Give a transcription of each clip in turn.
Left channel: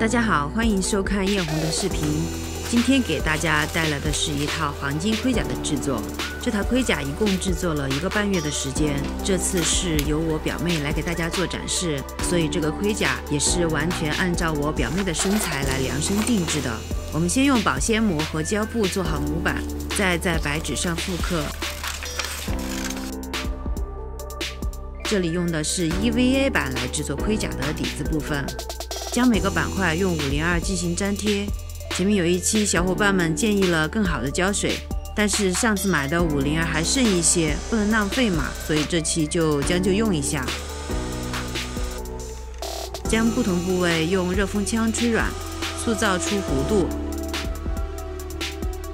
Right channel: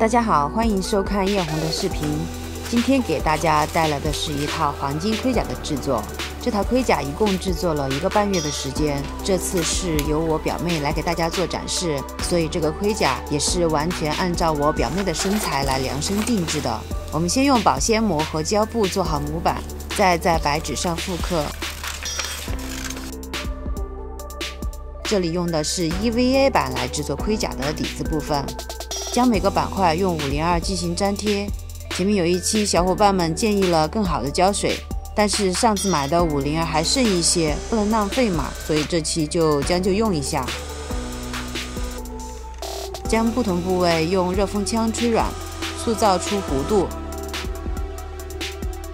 大家好，欢迎收看艳红的视频。今天给大家带来的是一套黄金盔甲的制作。这套盔甲一共制作了1个半月的时间，这次是由我表妹来给大家做展示，所以这个盔甲也是完全按照我表妹的身材来量身定制的。我们先用保鲜膜和胶布做好模板，再在白纸上复刻。这里用的是 EVA 板来制作盔甲的底子部分。将每个板块用502进行粘贴。前面有一期小伙伴们建议了更好的胶水，但是上次买的502还剩一些，不能浪费嘛，所以这期就将就用一下。将不同部位用热风枪吹软，塑造出弧度。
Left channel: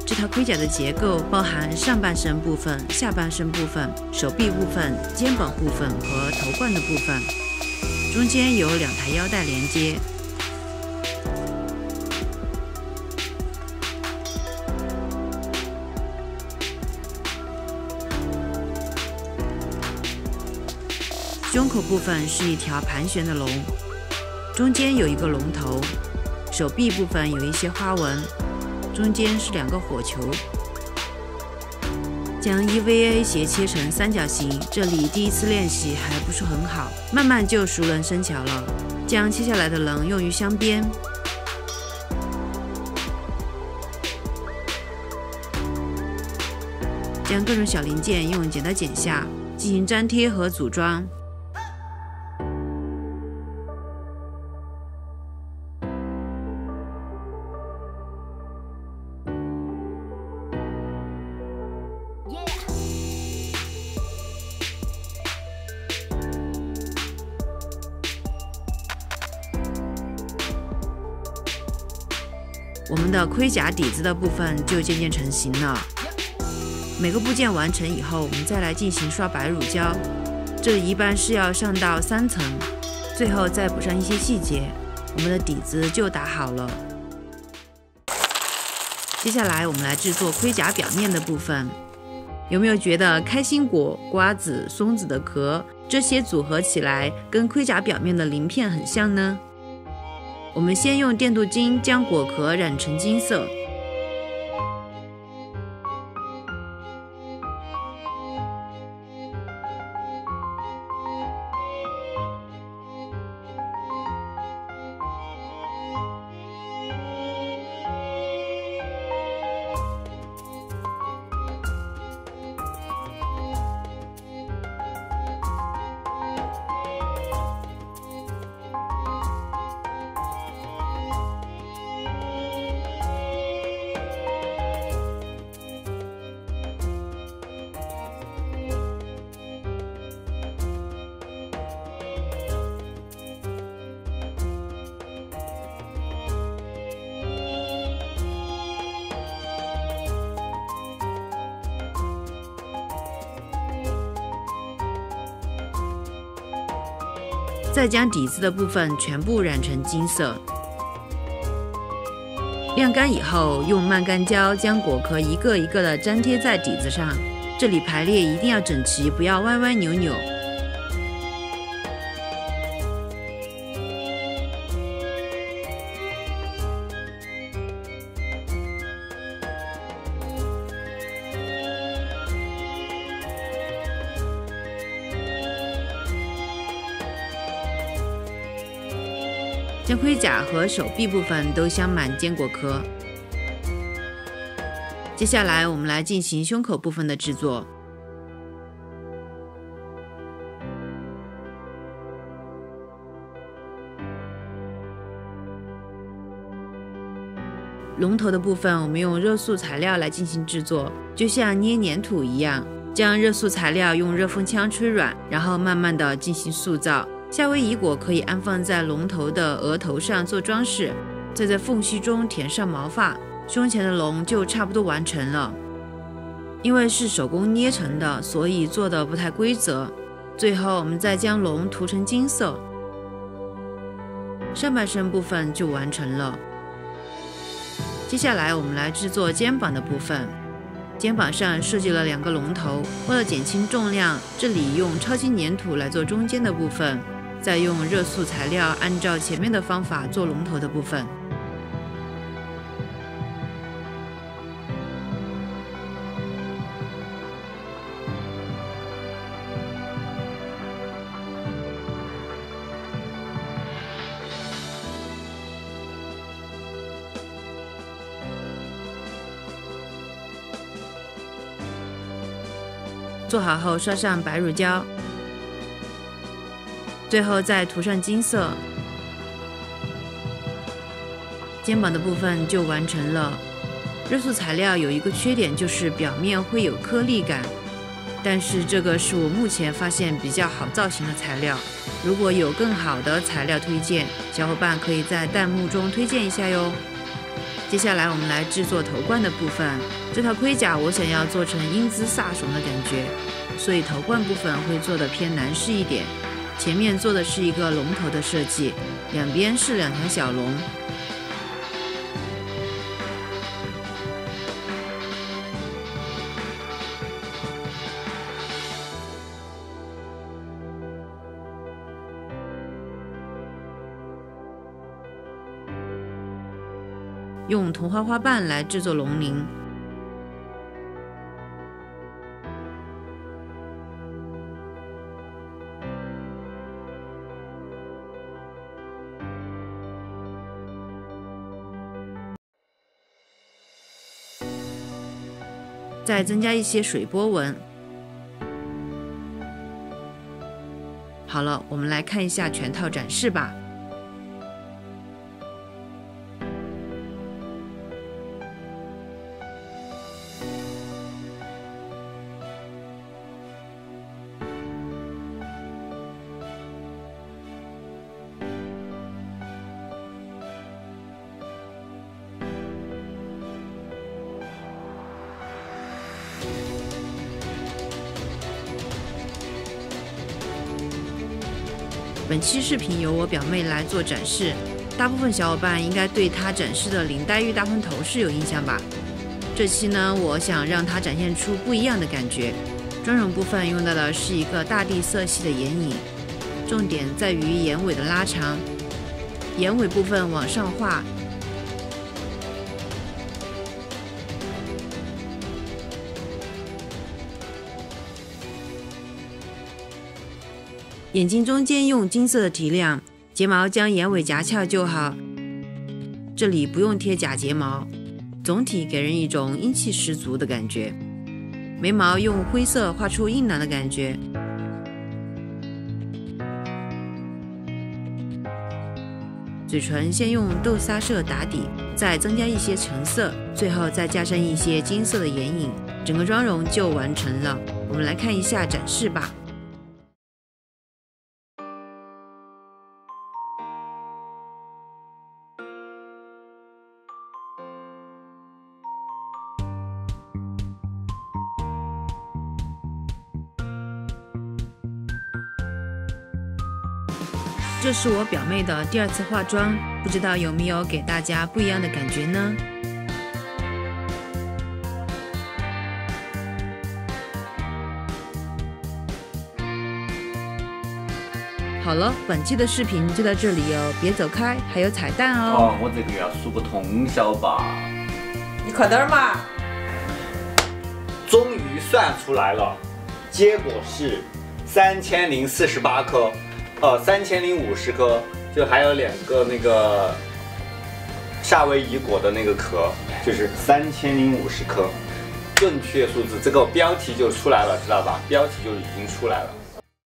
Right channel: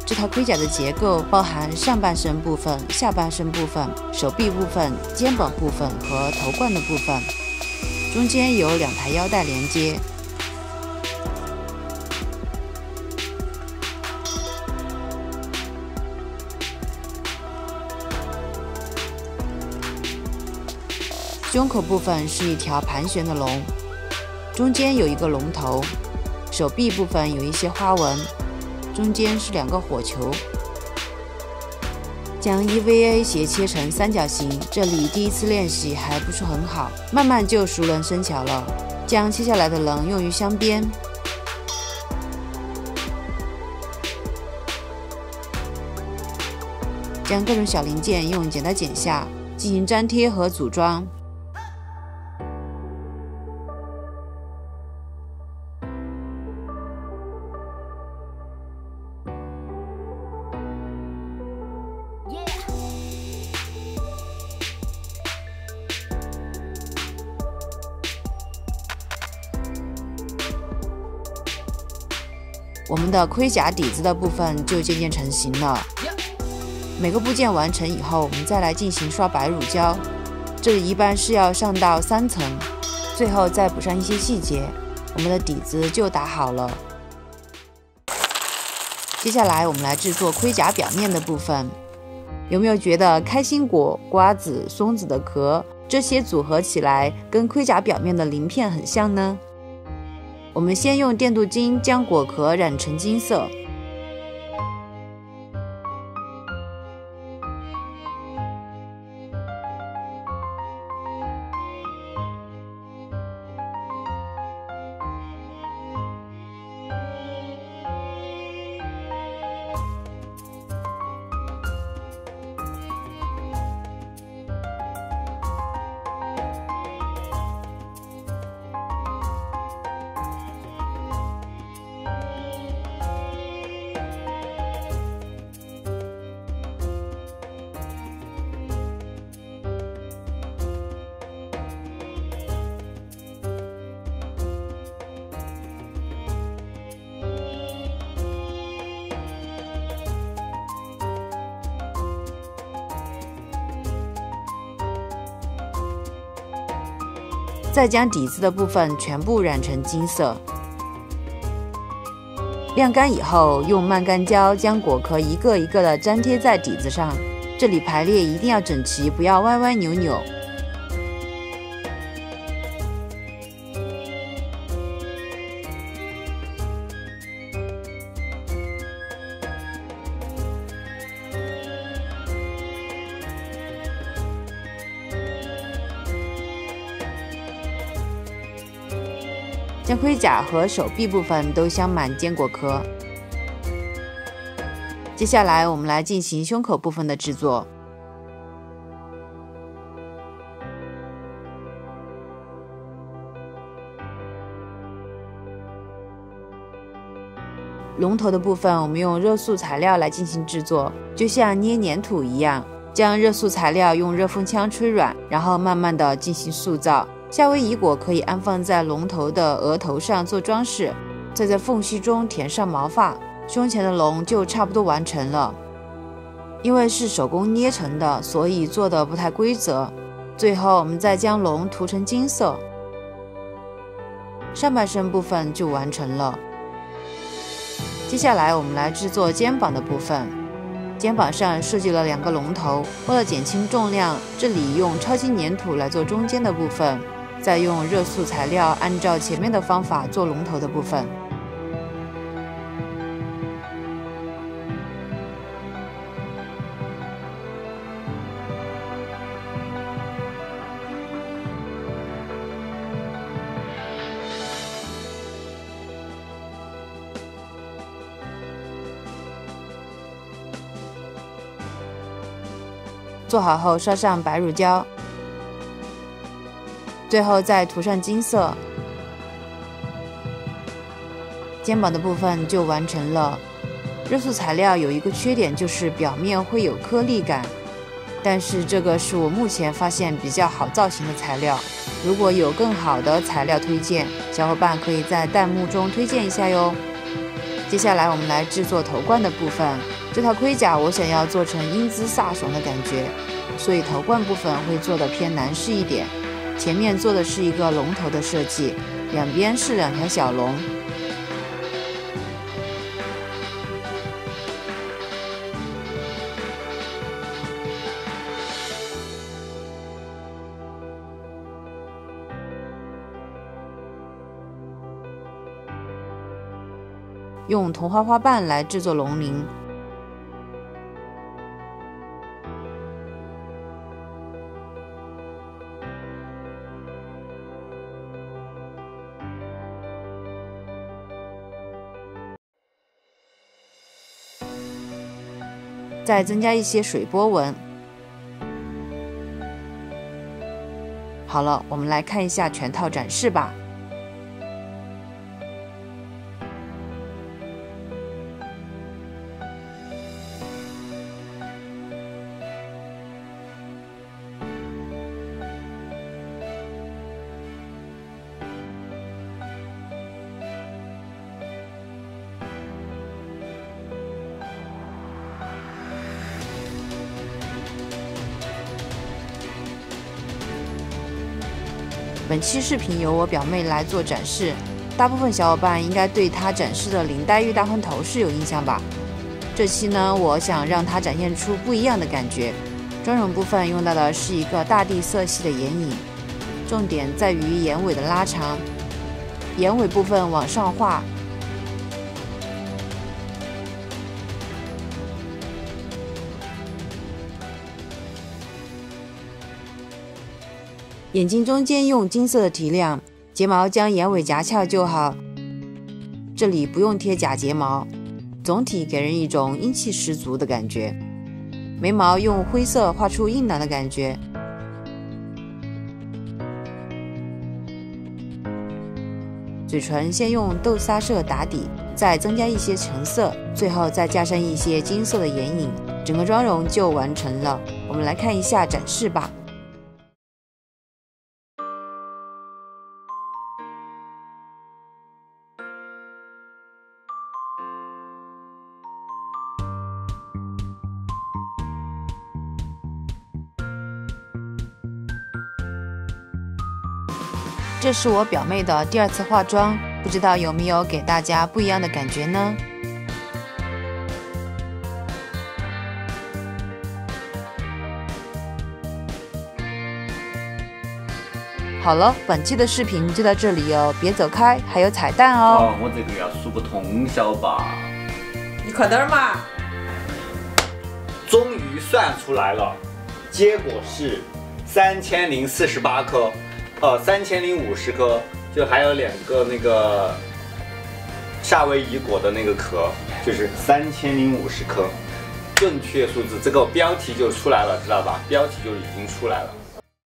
这套盔甲的结构包含上半身部分、下半身部分、手臂部分、肩膀部分和头冠的部分。中间有2台腰带连接。胸口部分是一条盘旋的龙，中间有一个龙头。手臂部分有一些花纹，中间是2个火球。将 EVA 斜切成三角形，这里第一次练习还不是很好，慢慢就熟能生巧了。将切下来的棱用于镶边，将各种小零件用剪刀剪下，进行粘贴和组装。我们的盔甲底子的部分就渐渐成型了。每个部件完成以后，我们再来进行刷白乳胶，这里一般是要上到3层，最后再补上一些细节，我们的底子就打好了。接下来我们来制作盔甲表面的部分。有没有觉得开心果、瓜子、松子的壳这些组合起来跟盔甲表面的鳞片很像呢？我们先用电镀金将果壳染成金色，再将底子的部分全部染成金色。晾干以后，用慢干胶将果壳一个一个的粘贴在底子上，这里排列一定要整齐，不要歪歪扭扭。将盔甲和手臂部分都镶满坚果壳。接下来我们来进行胸口部分的制作。龙头的部分我们用热塑材料来进行制作，就像捏黏土一样，将热塑材料用热风枪吹软，然后慢慢的进行塑造。夏威夷果可以安放在龙头的额头上做装饰，再在缝隙中填上毛发，胸前的龙就差不多完成了。因为是手工捏成的，所以做的不太规则。最后我们再将龙涂成金色，上半身部分就完成了。接下来我们来制作肩膀的部分。肩膀上设计了2个龙头，为了减轻重量，这里用超级粘土来做中间的部分。再用热塑材料按照前面的方法做龙头的部分。做好后刷上白乳胶，最后再涂上金色，肩膀的部分就完成了。热塑材料有一个缺点，就是表面会有颗粒感，但是这个是我目前发现比较好造型的材料。如果有更好的材料推荐，小伙伴可以在弹幕中推荐一下哟。接下来我们来制作头冠的部分。这套盔甲我想要做成英姿飒爽的感觉，所以头冠部分会做的偏男士一点。前面做的是一个龙头的设计，两边是2条小龙。用桐花花瓣来制作龙鳞，再增加一些水波纹。好了，我们来看一下全套展示吧。本期视频由我表妹来做展示，大部分小伙伴应该对她展示的林黛玉大红头饰有印象吧？这期呢，我想让她展现出不一样的感觉。妆容部分用到的是一个大地色系的眼影，重点在于眼尾的拉长，眼尾部分往上画。眼睛中间用金色的提亮，睫毛将眼尾夹翘就好，这里不用贴假睫毛，总体给人一种英气十足的感觉。眉毛用灰色画出硬朗的感觉，嘴唇先用豆沙色打底，再增加一些橙色，最后再加上一些金色的眼影，整个妆容就完成了。我们来看一下展示吧。这是我表妹的第2次化妆，不知道有没有给大家不一样的感觉呢？好了，本期的视频就到这里哦，别走开，还有彩蛋哦。我这个要数个通宵吧。你快点儿嘛！终于算出来了，结果是3048颗。3050颗，就还有2个那个夏威夷果的那个壳，就是3050颗，正确数字，这个标题就出来了，知道吧？标题就已经出来了。